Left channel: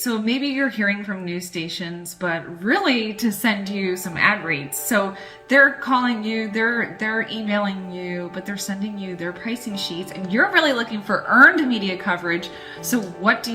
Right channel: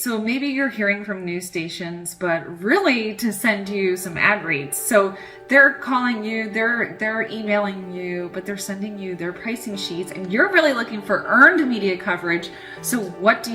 so maybe you're hearing from news stations, but really to send you some ad rates. So they're calling you, they're emailing you, but they're sending you their pricing sheets, and you're really looking for earned media coverage. So what do?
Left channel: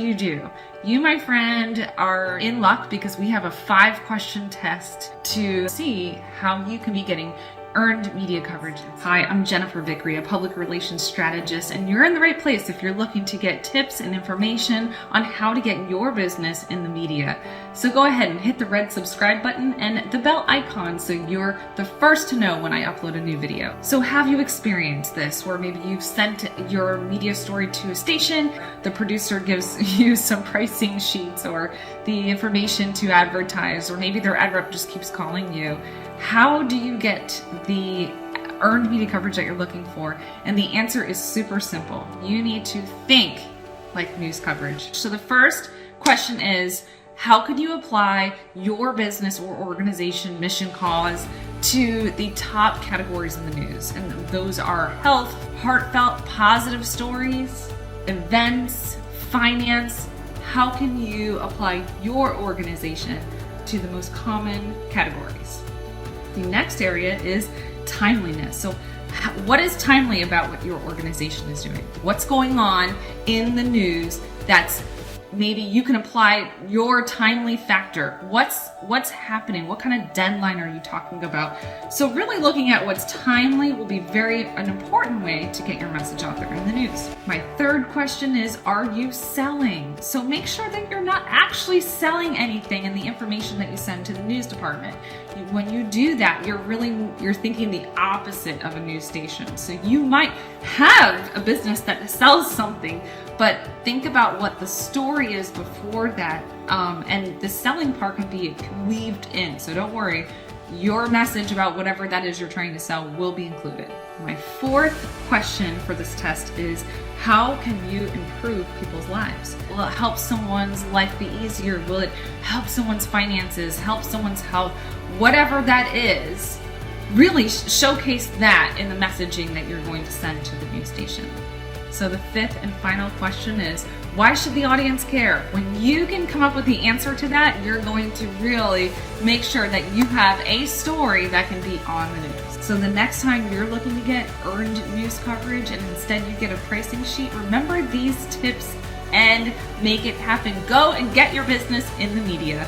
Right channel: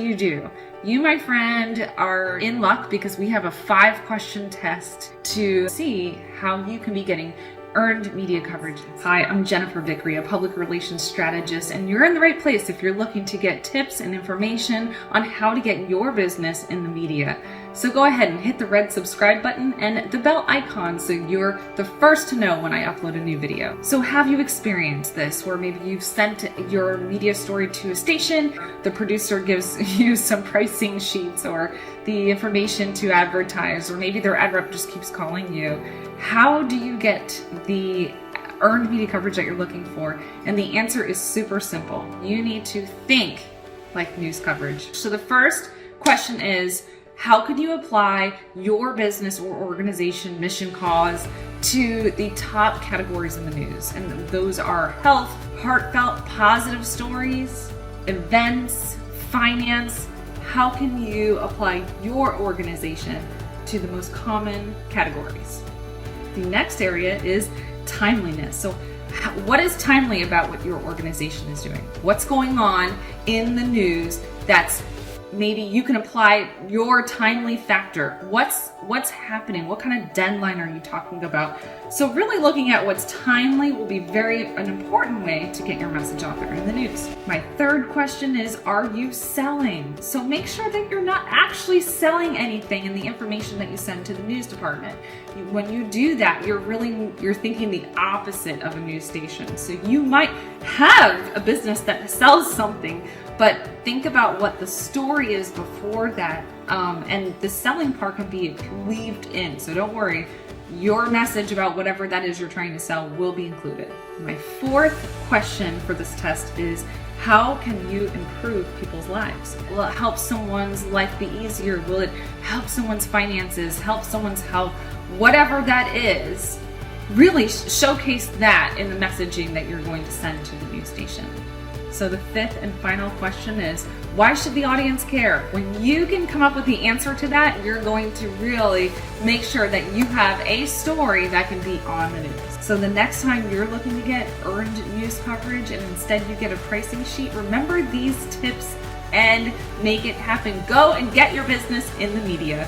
You, my friend, are in luck because we have a 5-question test to see how you can be getting earned media coverage. Hi, I'm Jennifer Vickery, a public relations strategist, and you're in the right place if you're looking to get tips and information on how to get your business in the media. So go ahead and hit the red subscribe button and the bell icon so you're the first to know when I upload a new video. So have you experienced this, where maybe you've sent your media story to a station, the producer gives you some pricing sheets or the information to advertise, or maybe their ad rep just keeps calling you? How do you get the earned media coverage that you're looking for? And the answer is super simple. You need to think like news coverage. So the first question is, how could you apply your business or organization mission cause to the top categories in the news? And those are health, heartfelt, positive stories, events, finance. How can you apply your organization to the most common categories? The next area is timeliness. So what is timely about what your organization is doing? What's going on in the news that's maybe you can apply your timely factor? What's happening? What kind of deadline are you talking about? So really looking at what's timely will be an important way to get your message out there in the news. My third question is, are you selling? So make sure that you're not actually selling anything in the information that you send to the news department. When you do that, you're thinking the opposite of a news station. So you might have a business that sells something, but think about what the story is before that, and the selling part can be weaved in. So don't worry, your message about whatever that is you're trying to sell will be included. My fourth question for this test is, how can you improve people's lives? Will it help someone's life be easier? Will it help someone's finances, help someone's health? Whatever that is, really showcase that in the messaging that you're going to send to the news station. So the fifth and final question is, why should the audience care? When you can come up with the answer to that, you're going to really make sure that you have a story that can be on the news. So the next time you're looking to get earned news coverage and instead you get a pricing sheet, remember these tips and make it happen. Go and get your business in the media.